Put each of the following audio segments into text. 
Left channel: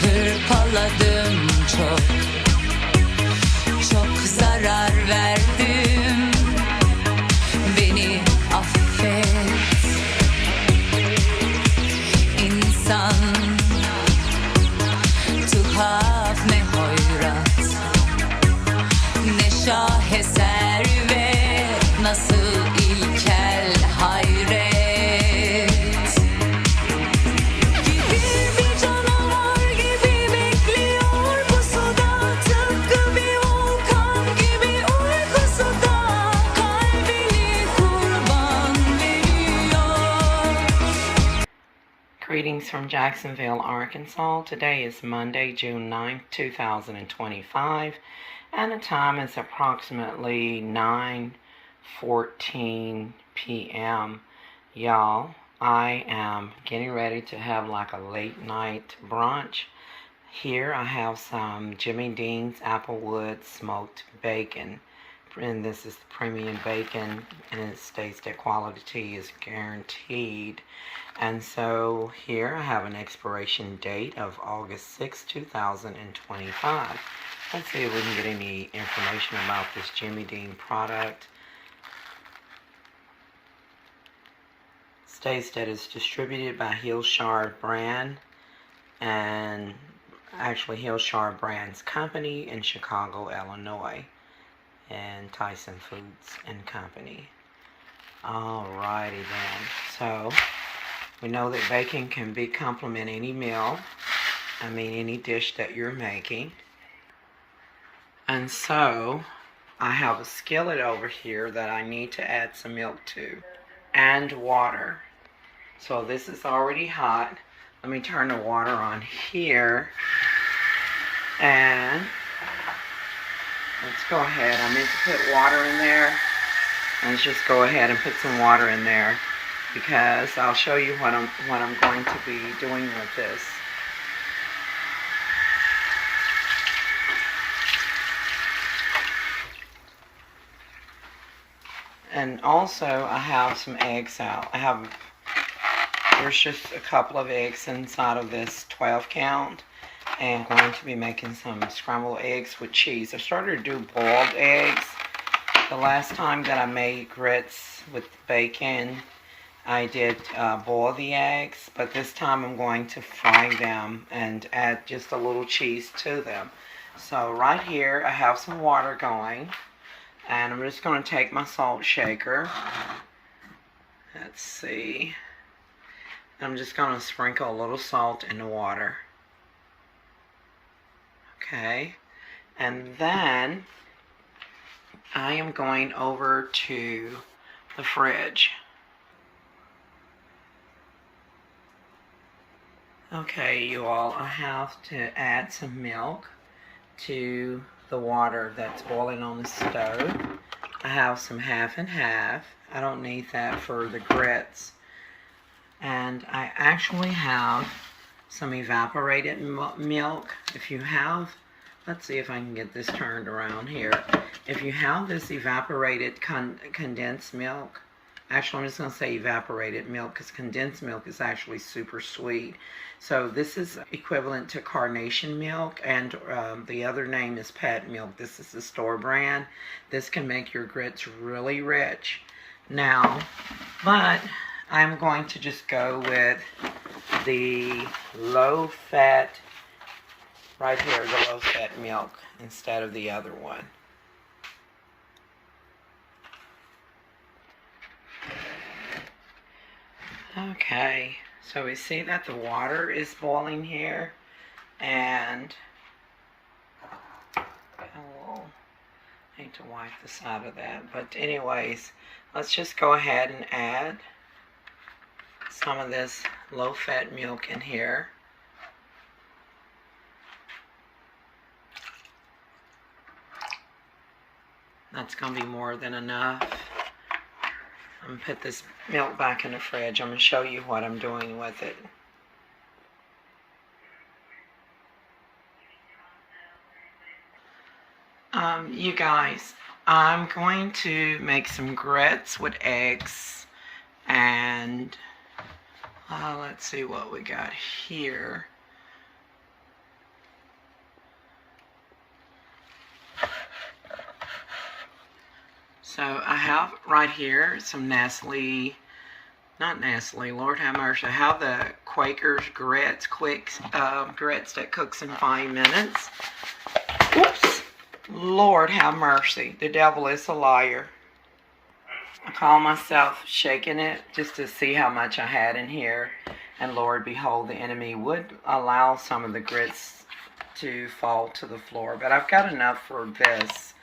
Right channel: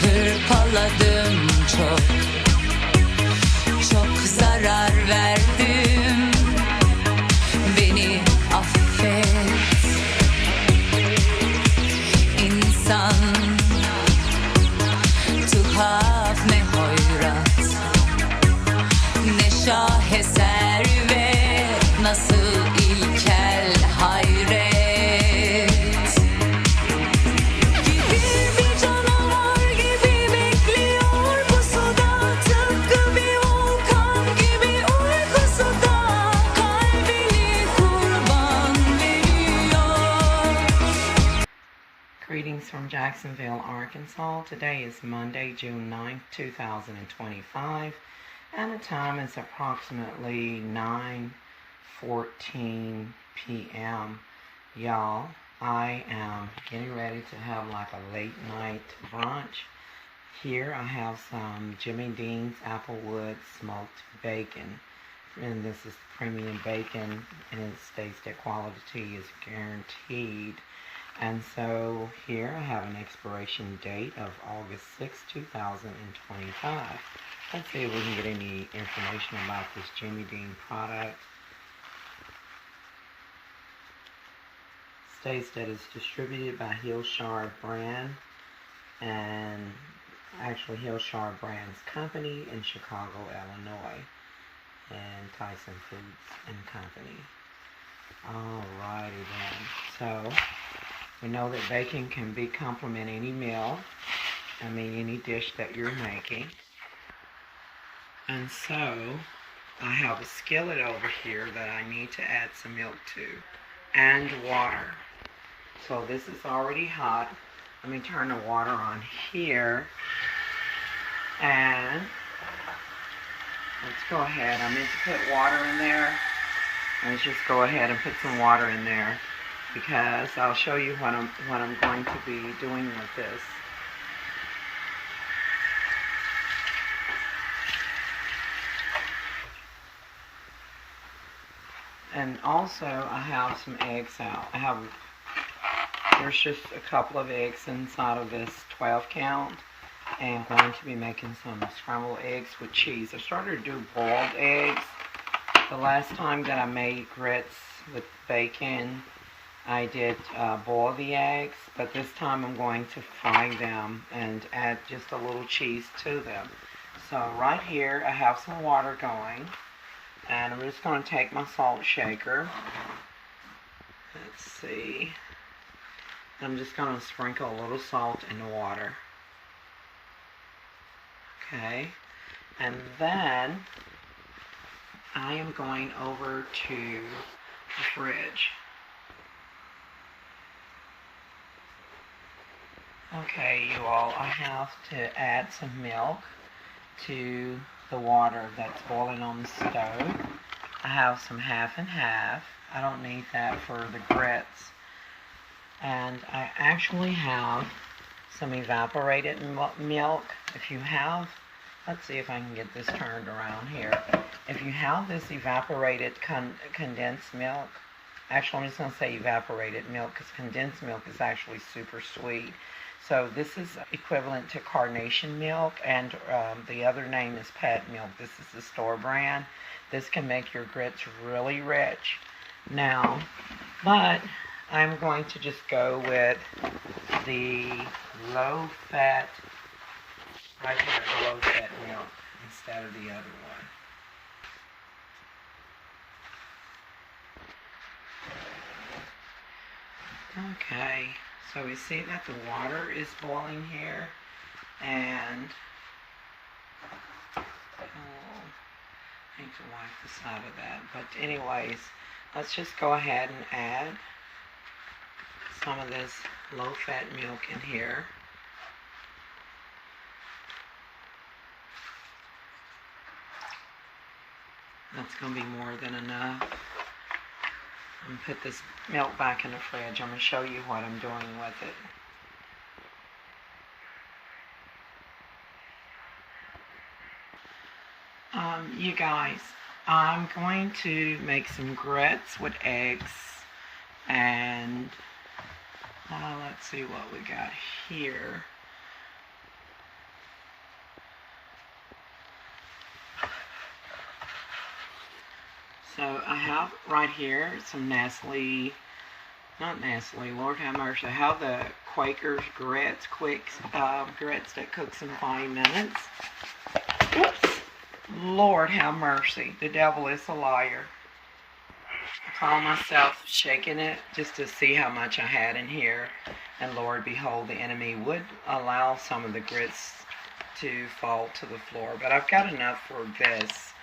Hırpaladım çok, çok zarar verdim. Beni affet. İnsan tuhaf ne hoyrat, ne şaheser ve nasıl ilkel hayret. Greetings from Jacksonville, Arkansas. Today is Monday, June 9th, 2025, and the time is approximately 9:14 p.m. Y'all, I am getting ready to have like a late night brunch. Here I have some Jimmy Dean's Applewood smoked bacon, and this is premium bacon, and it states that quality is guaranteed. And so here I have an expiration date of August 6, 2025. Let's see if we can get any information about this Jimmy Dean product. States that it's distributed by Hillshire Brand, and actually Hillshire Brands Company in Chicago, Illinois, and Tyson Foods and Company. Alrighty then. So we know that bacon can complement any meal, any dish that you're making. And so I have a skillet over here that I need to add some milk to, and water. So this is already hot. Let me turn the water on here, and let's go ahead. I meant to put water in there. Let's just go ahead and put some water in there, because I'll show you what I'm going to be doing with this. And also I have some eggs out. There's just a couple of eggs inside of this 12 count, and I'm going to be making some scrambled eggs with cheese. I started to do boiled eggs. The last time that I made grits with bacon, I did boil the eggs, but this time I'm going to fry them and add just a little cheese to them. So right here I have some water going, and I'm just going to take my salt shaker. Let's see. I'm just going to sprinkle a little salt in the water. Okay. And then I am going over to the fridge. Okay, you all, I have to add some milk to the water that's boiling on the stove. I have some half and half. I don't need that for the grits. And I actually have some evaporated milk. If you have, let's see if I can get this turned around here. If you have this evaporated condensed milk, actually I'm just going to say evaporated milk, because condensed milk is actually super sweet. So this is equivalent to carnation milk, and the other name is pet milk. This is the store brand. This can make your grits really rich. Now, but I'm going to just go with the low fat, right here, the low fat milk instead of the other one. Okay, so we see that the water is boiling here, and I need to wipe the side of that. But anyways, let's just go ahead and add some of this low-fat milk in here. That's going to be more than enough. I'm going to put this milk back in the fridge. I'm going to show you what I'm doing with it. You guys, I'm going to make some grits with eggs, and let's see what we got here. So I have right here some Nestle, not Nestle, Lord have mercy. I have the Quaker's grits, quick grits that cooks in 5 minutes. Whoops! Lord have mercy. The devil is a liar. I call myself shaking it just to see how much I had in here. And Lord, behold, the enemy would allow some of the grits to fall to the floor. But I've got enough for this.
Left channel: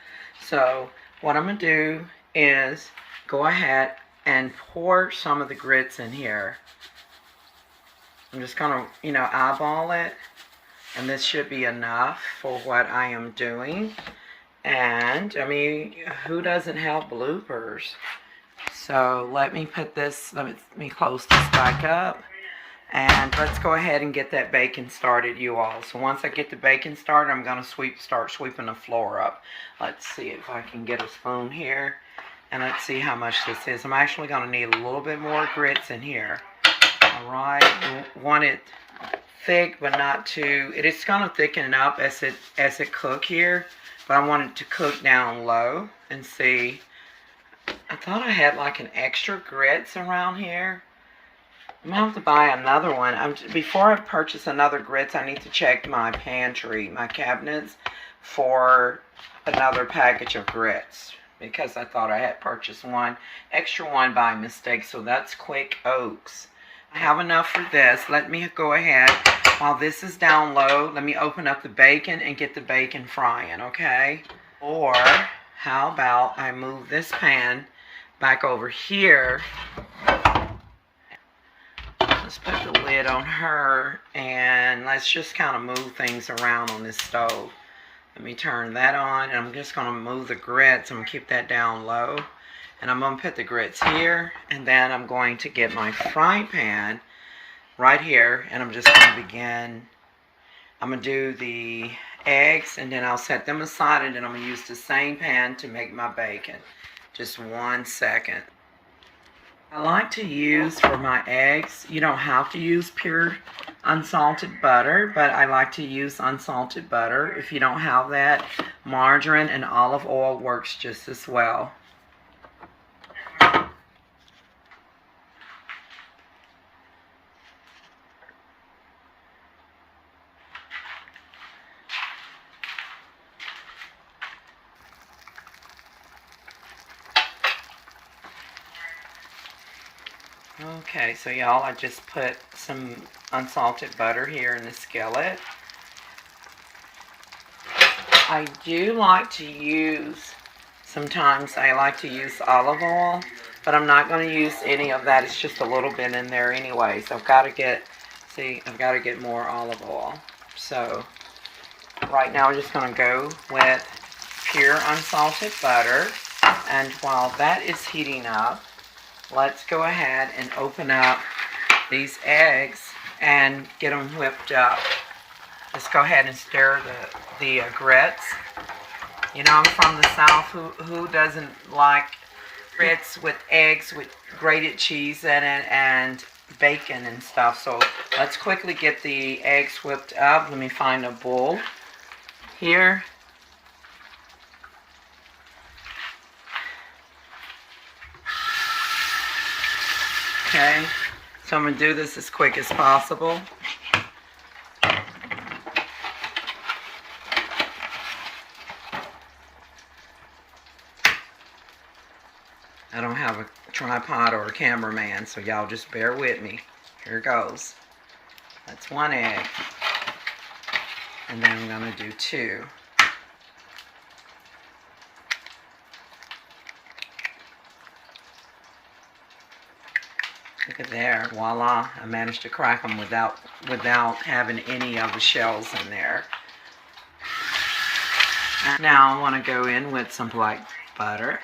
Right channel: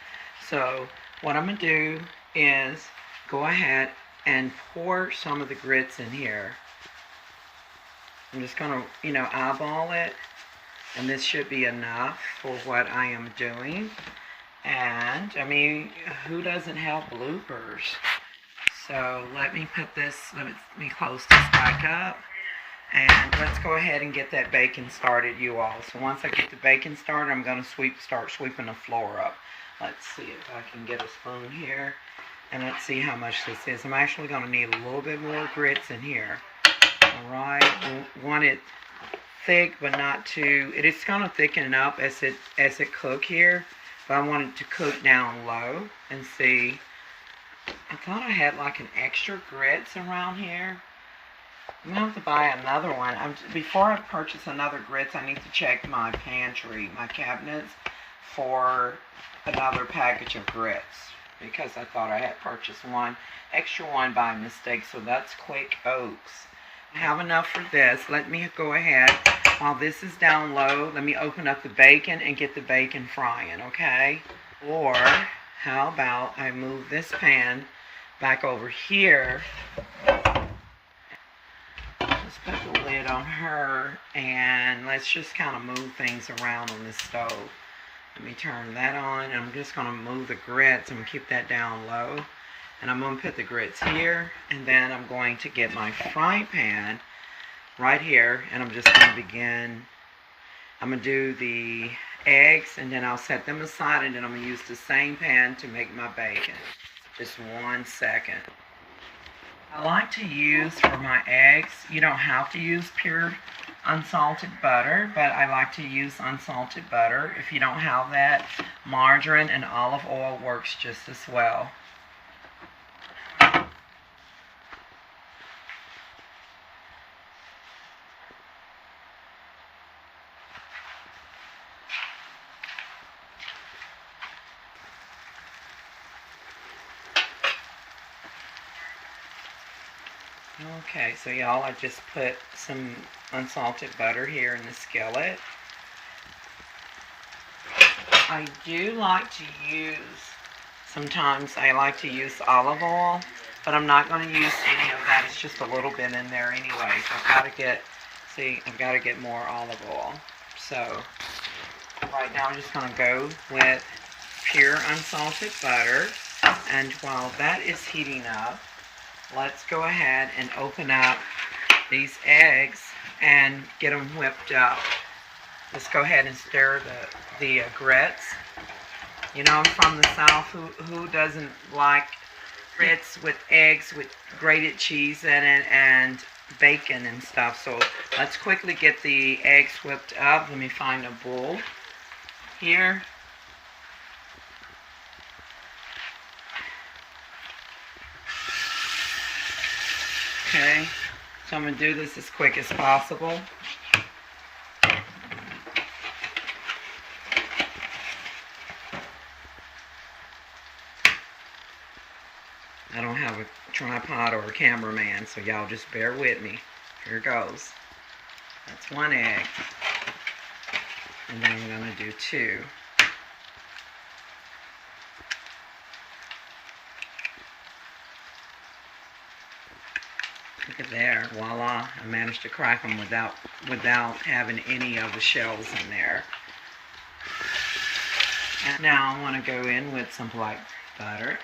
So what I'm going to do is go ahead and pour some of the grits in here. I'm just going to, eyeball it. And this should be enough for what I am doing. And, I mean, who doesn't have bloopers? So let me put this, let me close this back up. And let's go ahead and get that bacon started, you all. So once I get the bacon started, I'm going to start sweeping the floor up. Let's see if I can get a spoon here. And let's see how much this is. I'm actually going to need a little bit more grits in here. Alright, want it thick but not too, it is going to thicken up as it cook here. But I want it to cook down low and see. I thought I had like an extra grits around here. I'm going to have to buy another one. Before I purchase another grits, I need to check my pantry, my cabinets, for another package of grits. Because I thought I had purchased one, extra one by mistake. So that's Quick Oaks. I have enough for this. Let me go ahead. While this is down low, let me open up the bacon and get the bacon frying, okay? Or how about I move this pan back over here. Let's put the lid on her, and let's just kind of move things around on this stove. Let me turn that on, and I'm just going to move the grits. I'm going to keep that down low. And I'm going to put the grits here, and then I'm going to get my frying pan right here, and I'm just going to begin. I'm going to do the eggs, and then I'll set them aside, and then I'm going to use the same pan to make my bacon. Just 1 second. I like to use for my eggs, you don't have to use pure unsalted butter, but I like to use unsalted butter. If you don't have that, margarine and olive oil works just as well. Okay, so y'all, I just put some unsalted butter here in the skillet. I do like to use, sometimes I like to use olive oil, but I'm not going to use any of that. It's just a little bit in there anyway. So I've got to get more olive oil. So right now I'm just going to go with pure unsalted butter. And while that is heating up, let's go ahead and open up these eggs and get them whipped up. Just go ahead and stir the grits. You know, I'm from the South. Who doesn't like grits with eggs with grated cheese in it and bacon and stuff? So let's quickly get the eggs whipped up. Let me find a bowl here. Okay, so I'm going to do this as quick as possible. I don't have a tripod or a cameraman, so y'all just bear with me. Here goes. That's 1 egg. And then I'm going to do 2. Look at there, voila, I managed to crack them without having any of the shells in there. And now I want to go in with some black pepper.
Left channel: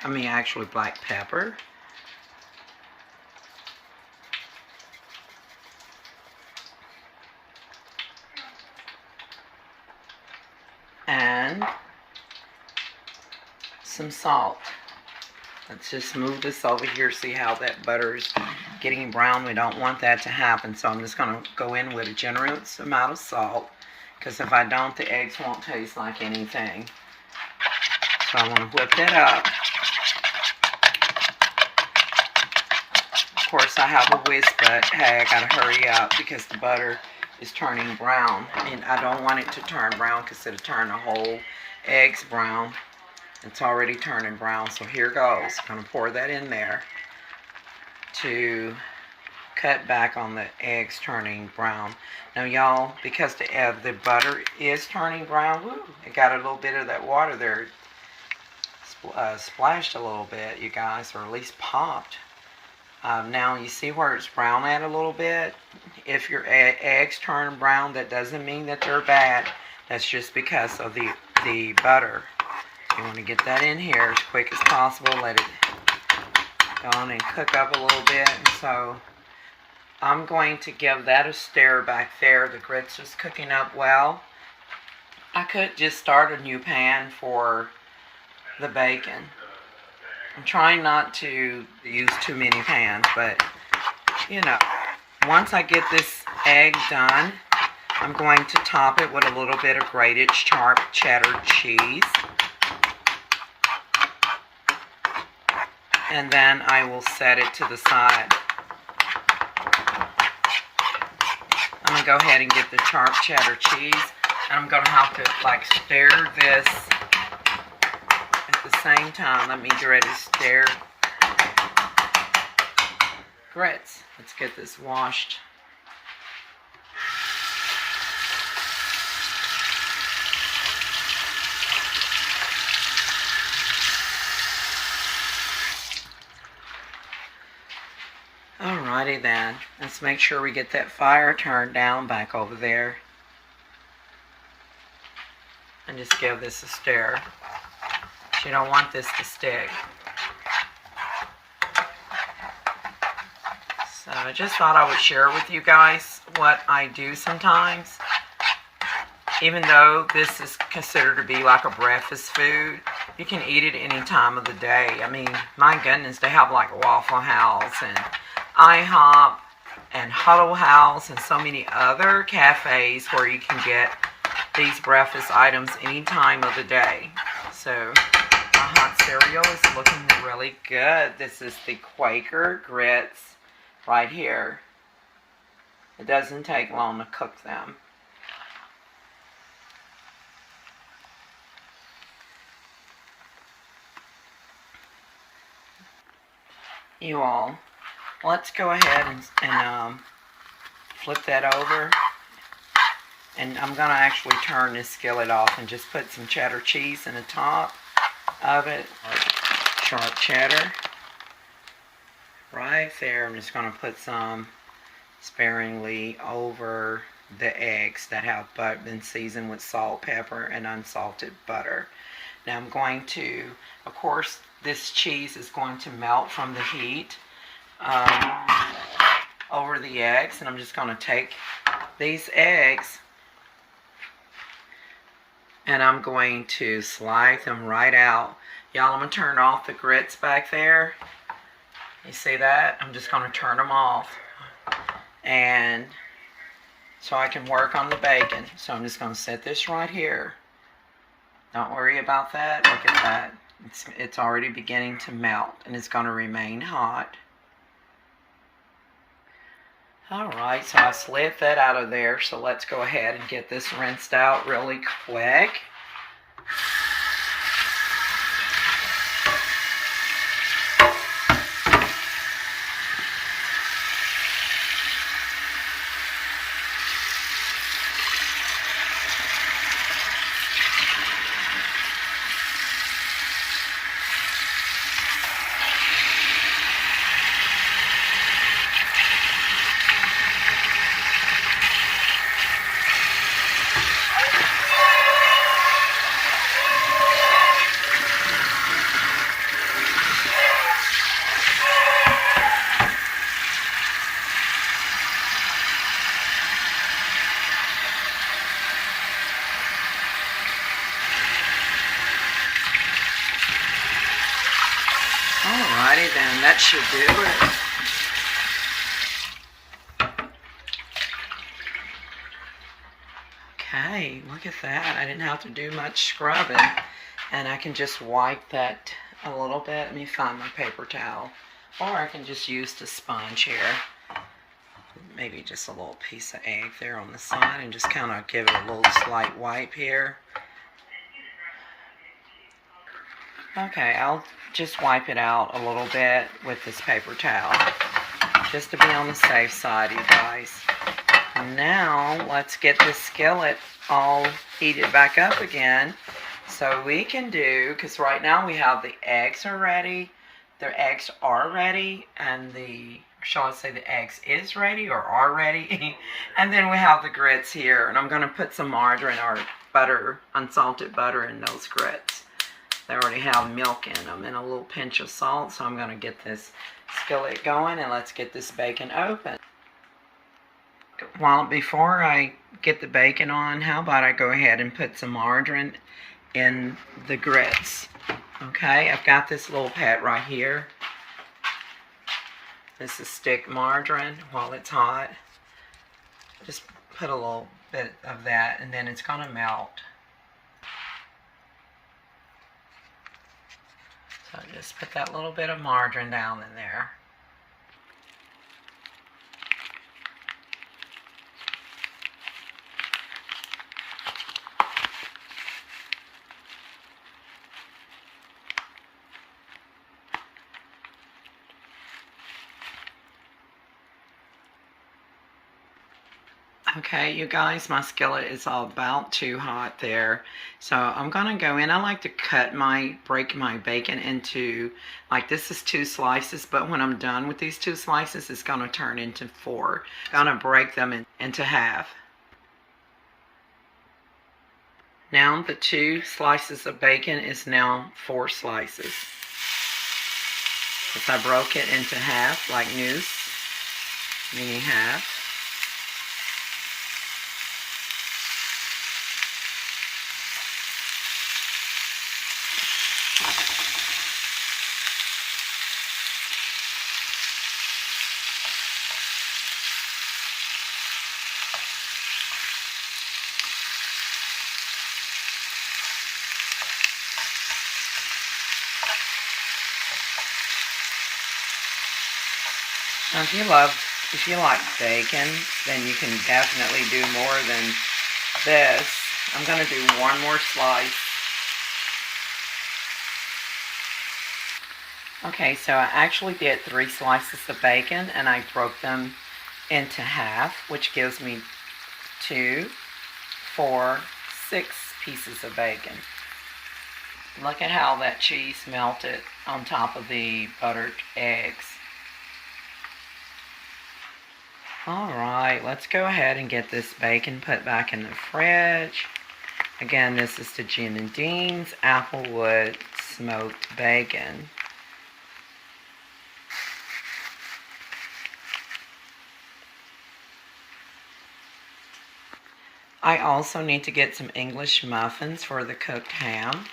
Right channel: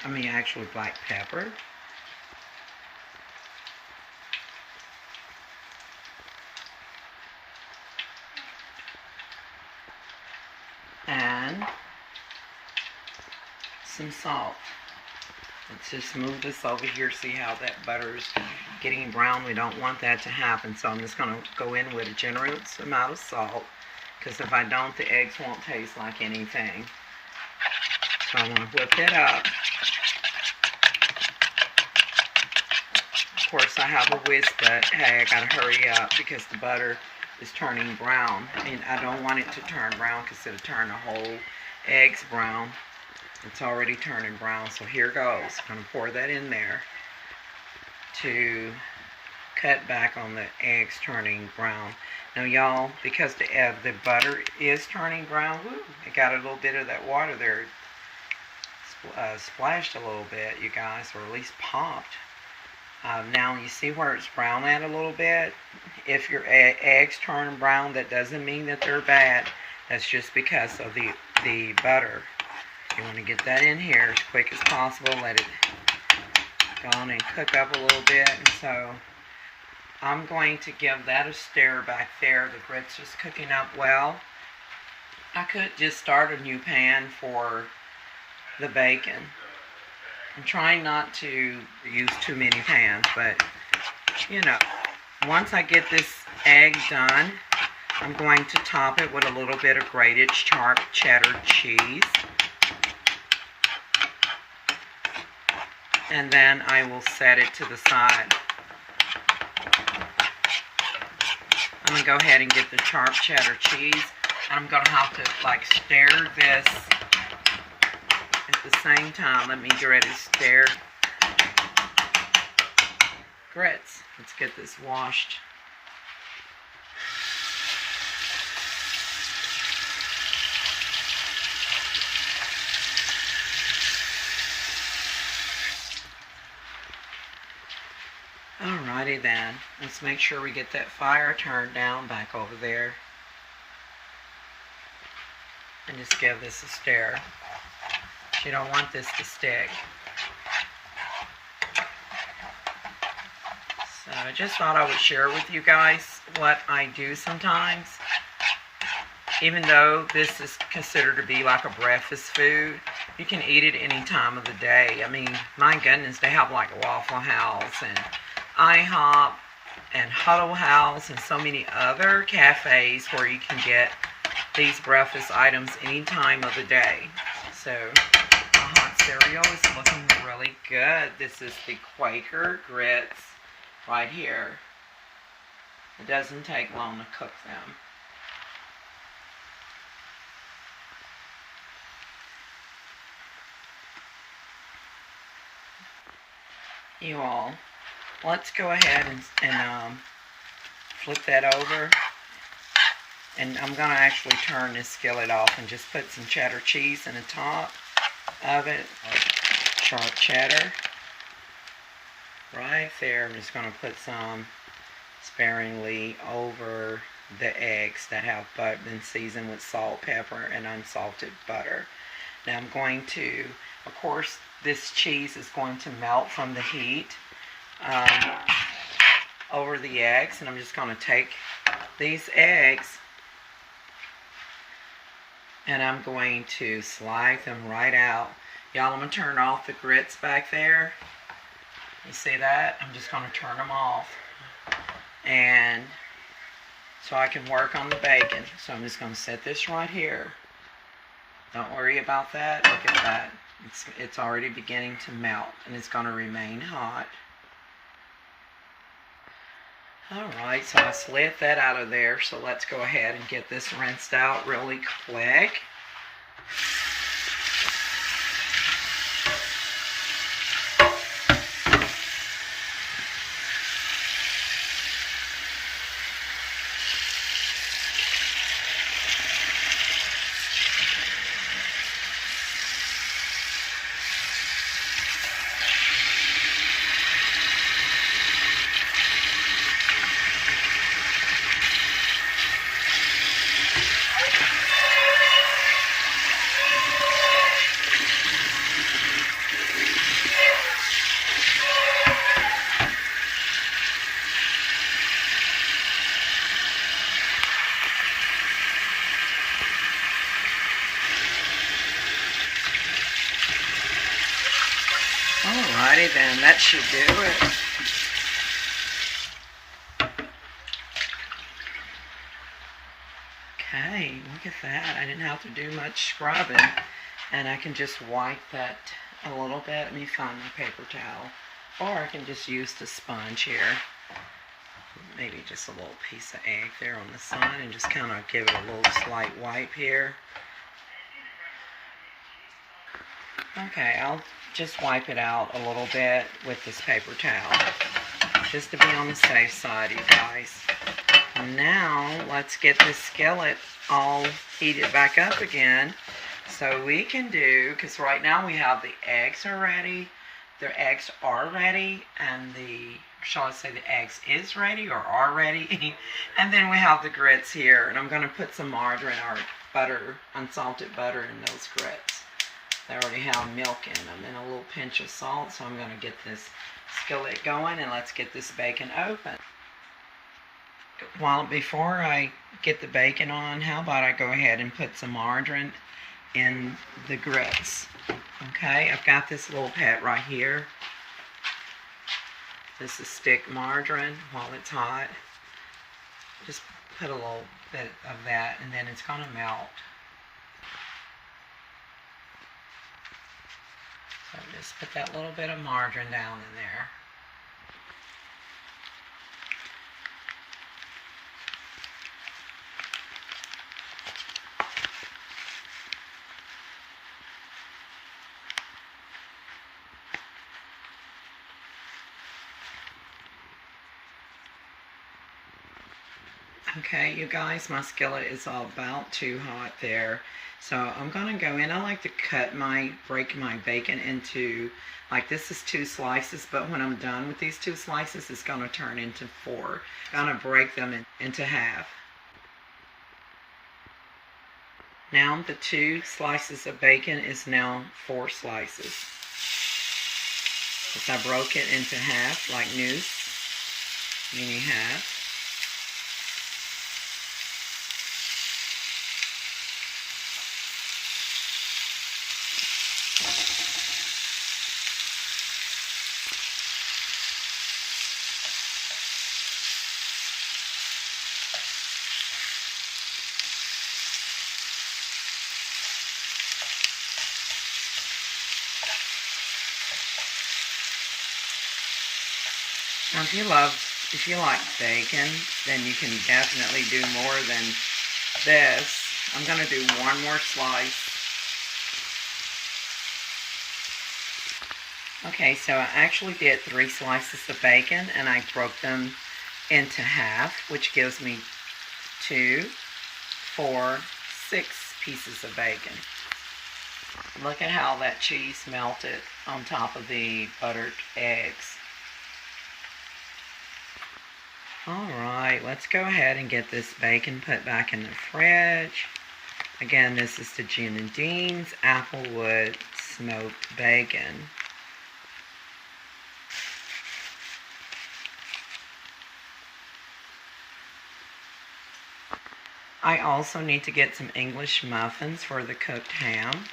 some salt. Let's just move this over here, see how that butter is getting brown. We don't want that to happen, so I'm just going to go in with a generous amount of salt, because if I don't, the eggs won't taste like anything. So I want to whip that up. Of course, I have a whisk, but hey, I got to hurry up because the butter is turning brown, and I don't want it to turn brown because it'll turn the whole eggs brown. It's already turning brown, so here goes. I'm going to pour that in there to cut back on the eggs turning brown. Now, y'all, because the butter is turning brown, woo, it got a little bit of that water there. Splashed a little bit, you guys, or at least popped. Now, you see where it's brown at a little bit? If your eggs turn brown, that doesn't mean that they're bad. That's just because of the butter. You want to get that in here as quick as possible. Let it go on and cook up a little bit. And so I'm going to give that a stir back there. The grits is cooking up well. I could just start a new pan for the bacon. I'm trying not to use too many pans, but you know, once I get this egg done, I'm going to top it with a little bit of grated sharp cheddar cheese. And then I will set it to the side. I'm going to go ahead and get the sharp cheddar cheese. And I'm going to have to like stir this at the same time. Let me get ready to stir grits. Let's get this washed. Alrighty then, let's make sure we get that fire turned down back over there. And just give this a stir. You don't want this to stick. So I just thought I would share with you guys what I do sometimes. Even though this is considered to be like a breakfast food, you can eat it any time of the day. I mean, my goodness, they have like Waffle House and IHOP and Huddle House and so many other cafes where you can get these breakfast items any time of the day. So my hot cereal is looking really good. This is the Quaker grits right here. It doesn't take long to cook them. You all, let's go ahead and flip that over. And I'm going to actually turn this skillet off and just put some cheddar cheese in the top of it. Sharp cheddar. Right there. I'm just going to put some sparingly over the eggs that have been seasoned with salt, pepper, and unsalted butter. Now I'm going to, of course, this cheese is going to melt from the heat over the eggs. And I'm just going to take these eggs and I'm going to slide them right out. Y'all, I'm going to turn off the grits back there. You see that? I'm just going to turn them off. And so I can work on the bacon. So I'm just going to set this right here. Don't worry about that. Look at that. It's already beginning to melt, and it's going to remain hot. Alright, so I slid that out of there, so let's go ahead and get this rinsed out really quick. Alrighty then, that should do it. Okay, look at that. I didn't have to do much scrubbing. And I can just wipe that a little bit. Let me find my paper towel. Or I can just use the sponge here. Maybe just a little piece of egg there on the side and just kind of give it a little slight wipe here. Okay, I'll just wipe it out a little bit with this paper towel, just to be on the safe side, you guys. Now, let's get this skillet all heated back up again, so we can do, because right now we have the eggs are ready, the eggs are ready, and the, shall I say the eggs is ready or are ready, and then we have the grits here, and I'm going to put some margarine or butter, unsalted butter in those grits. They already have milk in them and a little pinch of salt, so I'm going to get this skillet going and let's get this bacon open. Before I get the bacon on, how about I go ahead and put some margarine in the grits. Okay, I've got this little pet right here. This is stick margarine while it's hot. Just put a little bit of that and then it's going to melt. So just put that little bit of margarine down in there. Okay, you guys, my skillet is about too hot there. So I'm going to go in. I like to break my bacon into, like this is 2 slices, but when I'm done with these 2 slices, it's going to turn into 4. I'm going to break them into half. Now the 2 slices of bacon is now 4 slices. As I broke it into half, like noose, meaning half. Now, if you like bacon, then you can definitely do more than this. I'm going to do 1 more slice. Okay, so I actually did 3 slices of bacon and I broke them into half, which gives me 2, 4, 6 pieces of bacon. Look at how that cheese melted on top of the buttered eggs. Alright, let's go ahead and get this bacon put back in the fridge. Again, this is the Jim and Dean's Applewood smoked bacon. I also need to get some English muffins for the cooked ham.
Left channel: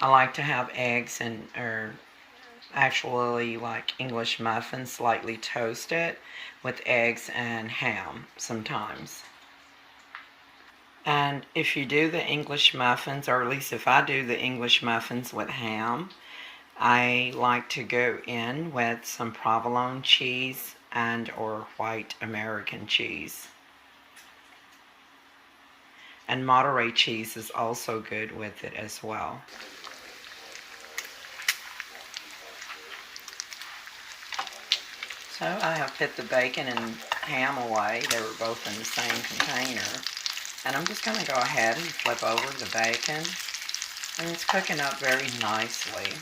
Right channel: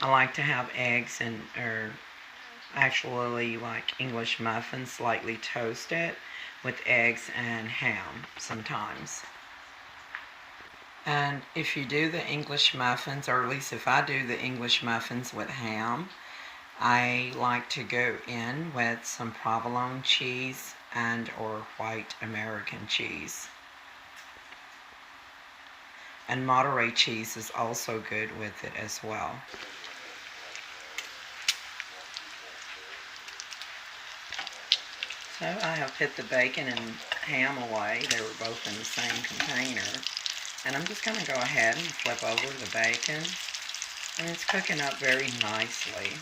I like to have eggs or actually like English muffins slightly toasted with eggs and ham sometimes. And if you do the English muffins, or at least if I do the English muffins with ham, I like to go in with some provolone cheese and or white American cheese. And Monterey cheese is also good with it as well. So I have put the bacon and ham away. They were both in the same container. And I'm just going to go ahead and flip over the bacon. And it's cooking up very nicely.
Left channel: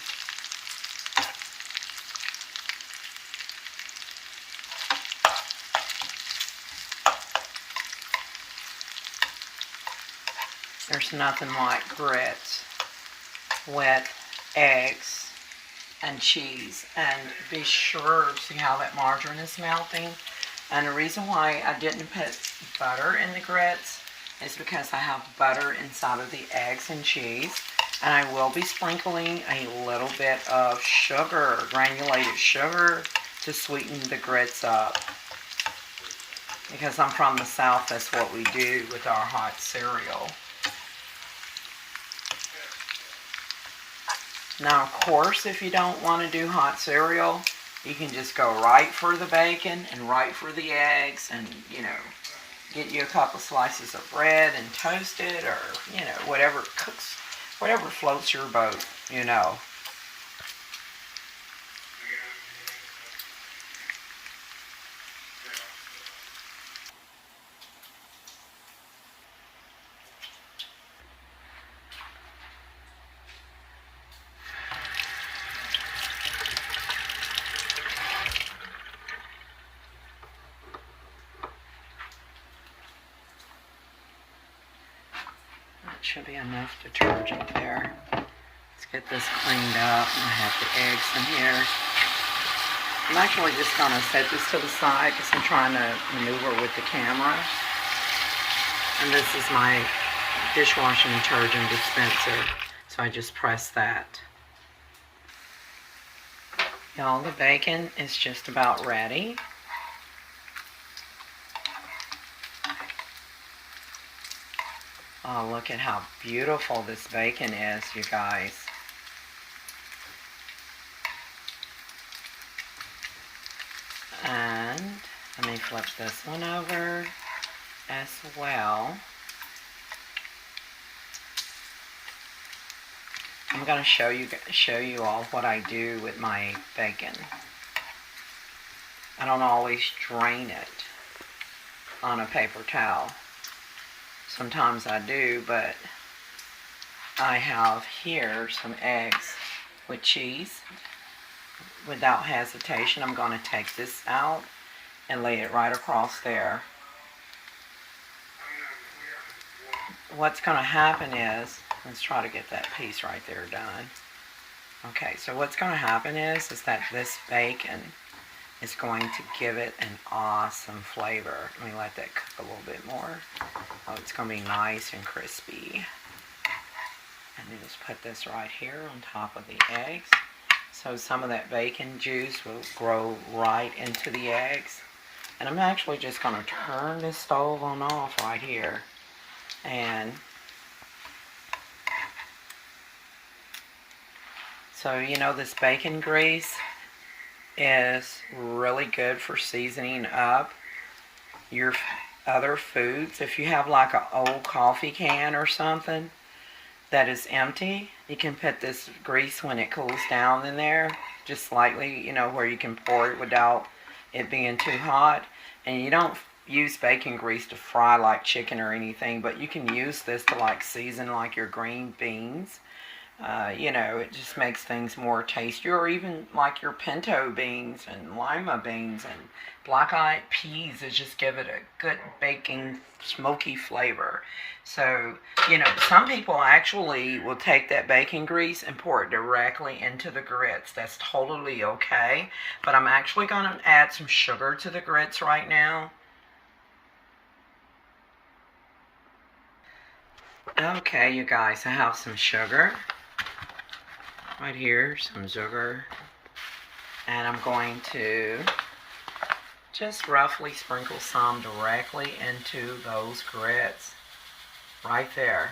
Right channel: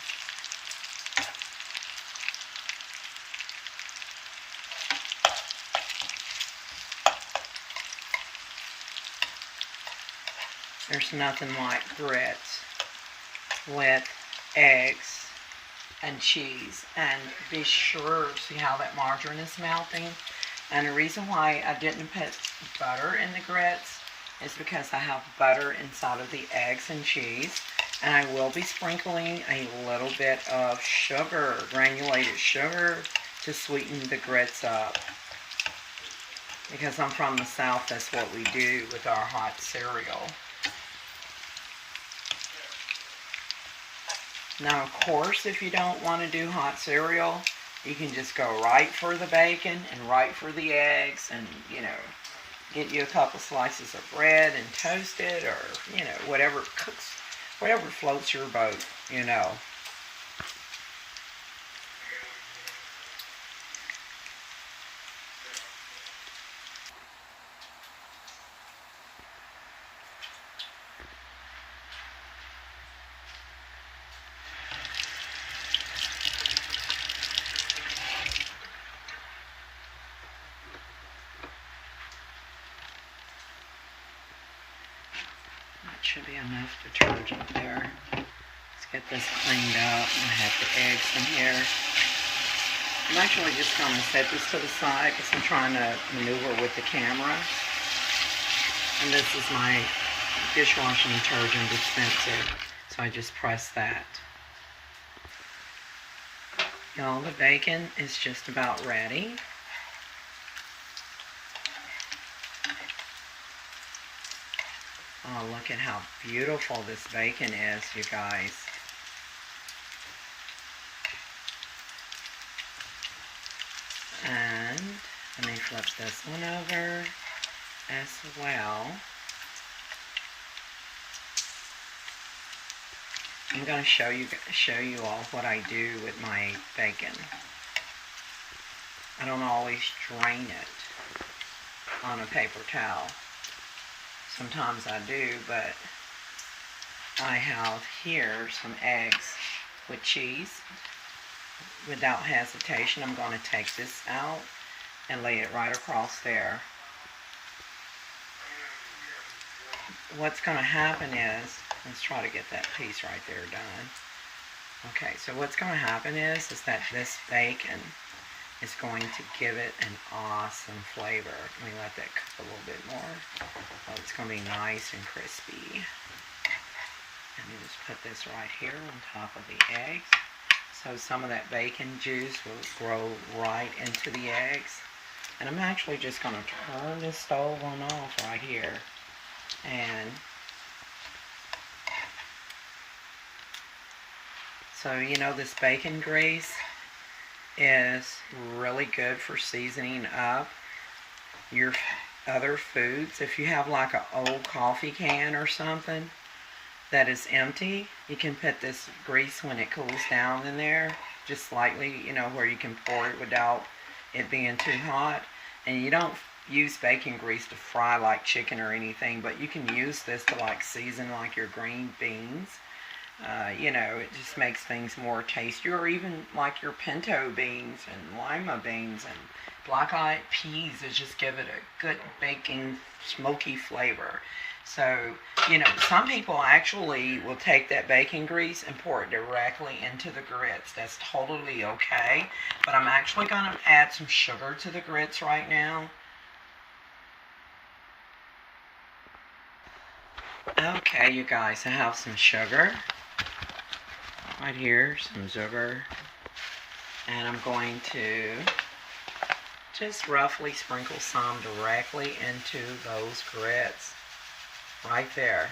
There's nothing like grits with eggs and cheese. And be sure, see how that margarine is melting? And the reason why I didn't put butter in the grits is because I have butter inside of the eggs and cheese. And I will be sprinkling a little bit of sugar, granulated sugar, to sweeten the grits up. Because I'm from the South, that's what we do with our hot cereal. Now, of course, if you don't want to do hot cereal, you can just go right for the bacon and right for the eggs and, you know, get you a couple slices of bread and toast it, or, you know, whatever cooks, whatever floats your boat, you know. Should be enough detergent there. Let's get this cleaned up. I have the eggs in here. I'm actually just going to set this to the side because I'm trying to maneuver with the camera. And this is my dishwashing detergent dispenser. So I just press that. Y'all, the bacon is just about ready. Oh, look at how beautiful this bacon is, you guys. And let me flip this one over as well. I'm going to show you all what I do with my bacon. I don't always drain it on a paper towel. Sometimes I do, but I have here some eggs with cheese. Without hesitation, I'm going to take this out and lay it right across there. What's going to happen is, let's try to get that piece right there done. Okay, so what's going to happen is that this bacon is going to give it an awesome flavor. Let me let that cook a little bit more. Oh, it's going to be nice and crispy. And you just put this right here on top of the eggs. So some of that bacon juice will grow right into the eggs. And I'm actually just going to turn this stove on off right here. And so, you know, this bacon grease is really good for seasoning up your other foods. If you have like an old coffee can or something that is empty, you can put this grease when it cools down in there, just slightly, you know, where you can pour it without it being too hot. And you don't use bacon grease to fry like chicken or anything, but you can use this to like season like your green beans. You know, it just makes things more tasty, or even like your pinto beans and lima beans and black-eyed peas. Is just give it a good baking, smoky flavor. So, you know, some people actually will take that bacon grease and pour it directly into the grits. That's totally okay. But I'm actually going to add some sugar to the grits right now. Okay, you guys, I have some sugar. Right here, some sugar, and I'm going to just roughly sprinkle some directly into those grits right there.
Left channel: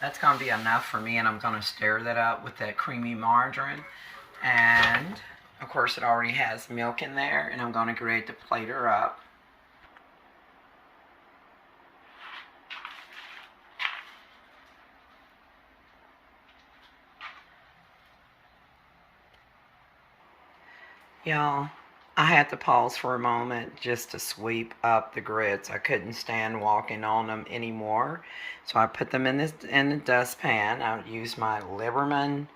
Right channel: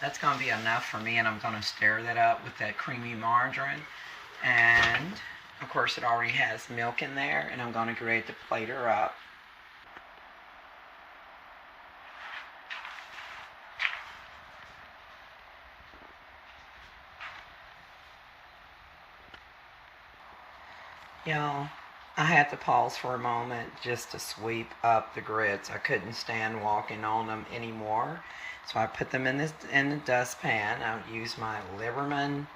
That's going to be enough for me, and I'm going to stir that up with that creamy margarine. And of course it already has milk in there, and I'm going to grate the plater up. Y'all, I had to pause for a moment just to sweep up the grits. I couldn't stand walking on them anymore. So I put them in the dustpan. I used my Liberman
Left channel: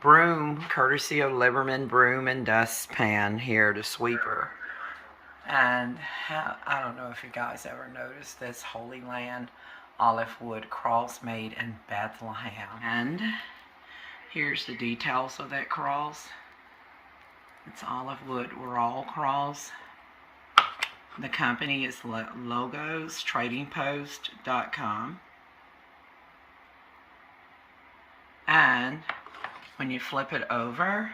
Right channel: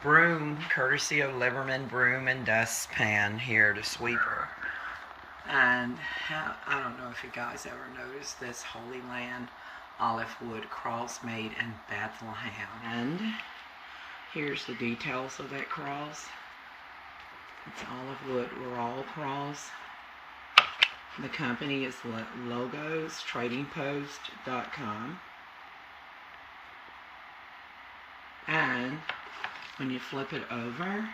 broom, courtesy of Liberman broom and dustpan here to sweep her. And I don't know if you guys ever noticed this Holy Land olive wood cross made in Bethlehem. And here's the details of that cross. It's olive wood. We're all cross. The company is logostradingpost.com. And when you flip it over,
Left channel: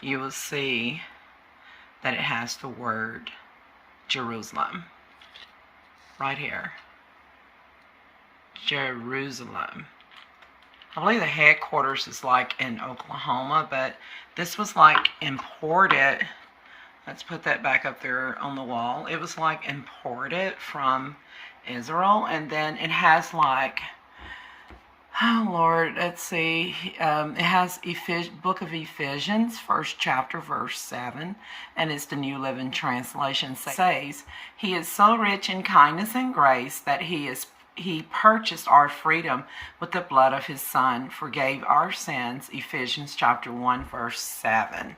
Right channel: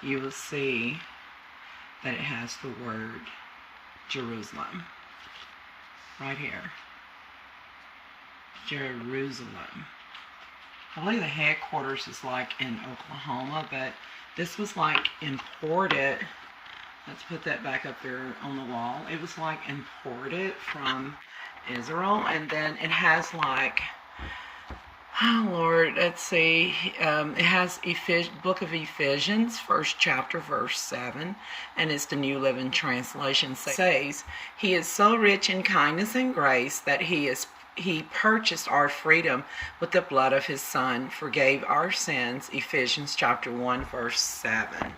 you will see that it has the word Jerusalem right here. Jerusalem. I believe the headquarters is like in Oklahoma, but this was like imported. Let's put that back up there on the wall. It was like imported from Israel, and then it has like, oh Lord, let's see. It has Book of Ephesians, 1st chapter, verse 7, and it's the New Living Translation. It says, He is so rich in kindness and grace that He purchased our freedom with the blood of His Son, forgave our sins. Ephesians chapter 1, verse 7.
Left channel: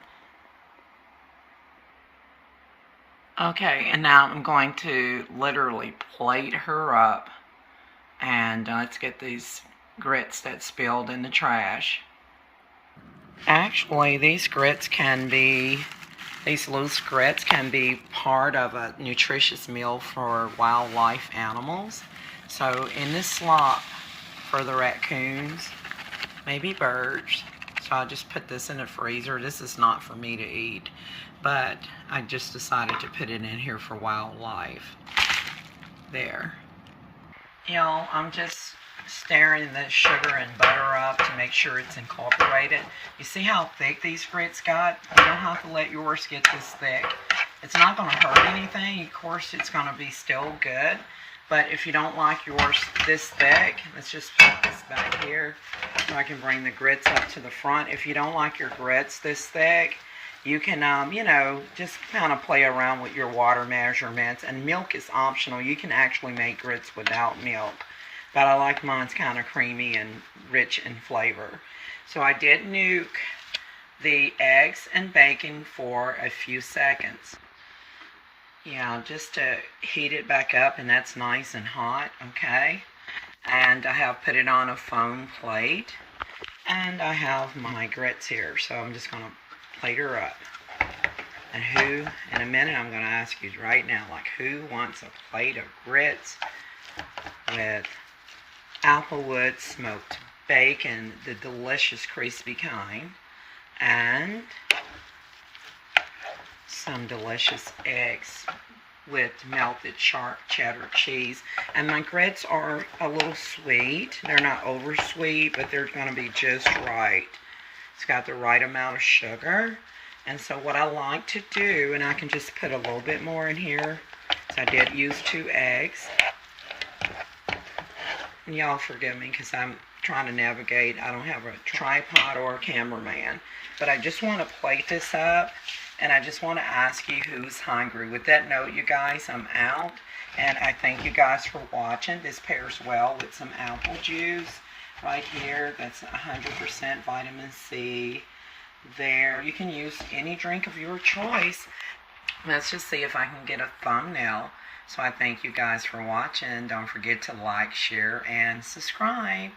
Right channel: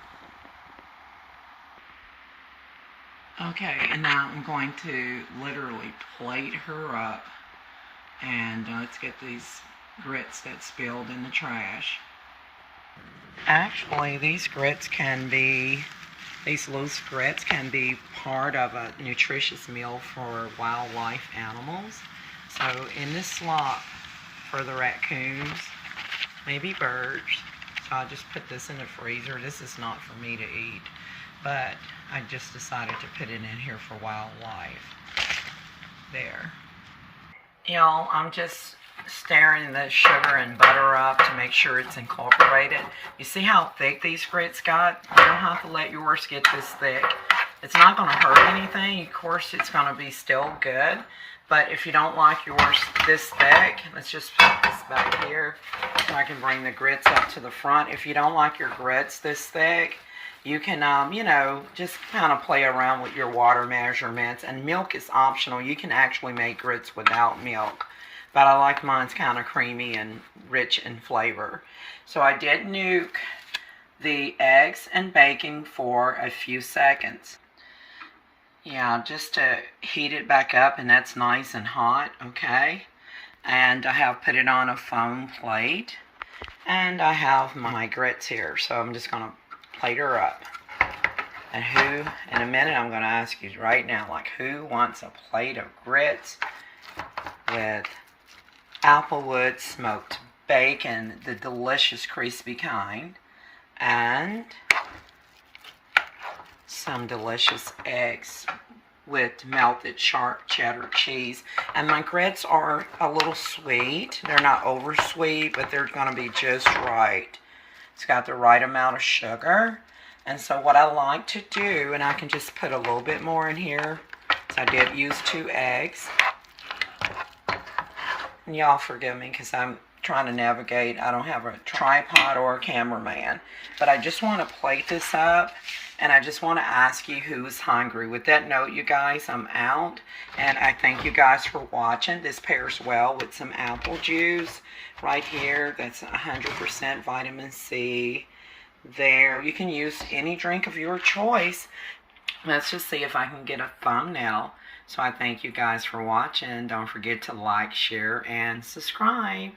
Okay, and now I'm going to literally plate her up, and let's get these grits that spilled in the trash. Actually, these loose grits can be part of a nutritious meal for wildlife animals. So in this slop for the raccoons, maybe birds, so I just put this in the freezer. This is not for me to eat, but I just decided to put it in here for wildlife. There. Y'all, I'm just stirring the sugar and butter up to make sure it's incorporated. You see how thick these grits got? You don't have to let yours get this thick. It's not going to hurt anything. Of course, it's going to be still good. But if you don't like yours this thick, let's just put this back here so I can bring the grits up to the front. If you don't like your grits this thick, you can, just kind of play around with your water measurements. And milk is optional. You can actually make grits without milk. But I like mine's kind of creamy and rich in flavor. So I did nuke the eggs and bacon for a few seconds. Yeah, just to heat it back up, and that's nice and hot, okay? And I have put it on a foam plate, and I have my grits here, so I'm just going to plate her up. And in a minute, I'm going to ask you right now, like, who wants a plate of grits with applewood smoked bacon, the delicious crispy kind, and some delicious eggs with melted sharp cheddar cheese. And my grits are a little sweet. They're not over sweet, but they're going to be just right. It's got the right amount of sugar. And so what I like to do, and I can just put a little bit more in here, so I did use 2 eggs. And y'all forgive me because I'm trying to navigate. I don't have a tripod or a cameraman. But I just want to plate this up. And I just want to ask you who's hungry. With that note, you guys, I'm out. And I thank you guys for watching. This pairs well with some apple juice right here. That's 100% vitamin C. There. You can use any drink of your choice. Let's just see if I can get a thumbnail. So I thank you guys for watching. Don't forget to like, share, and subscribe.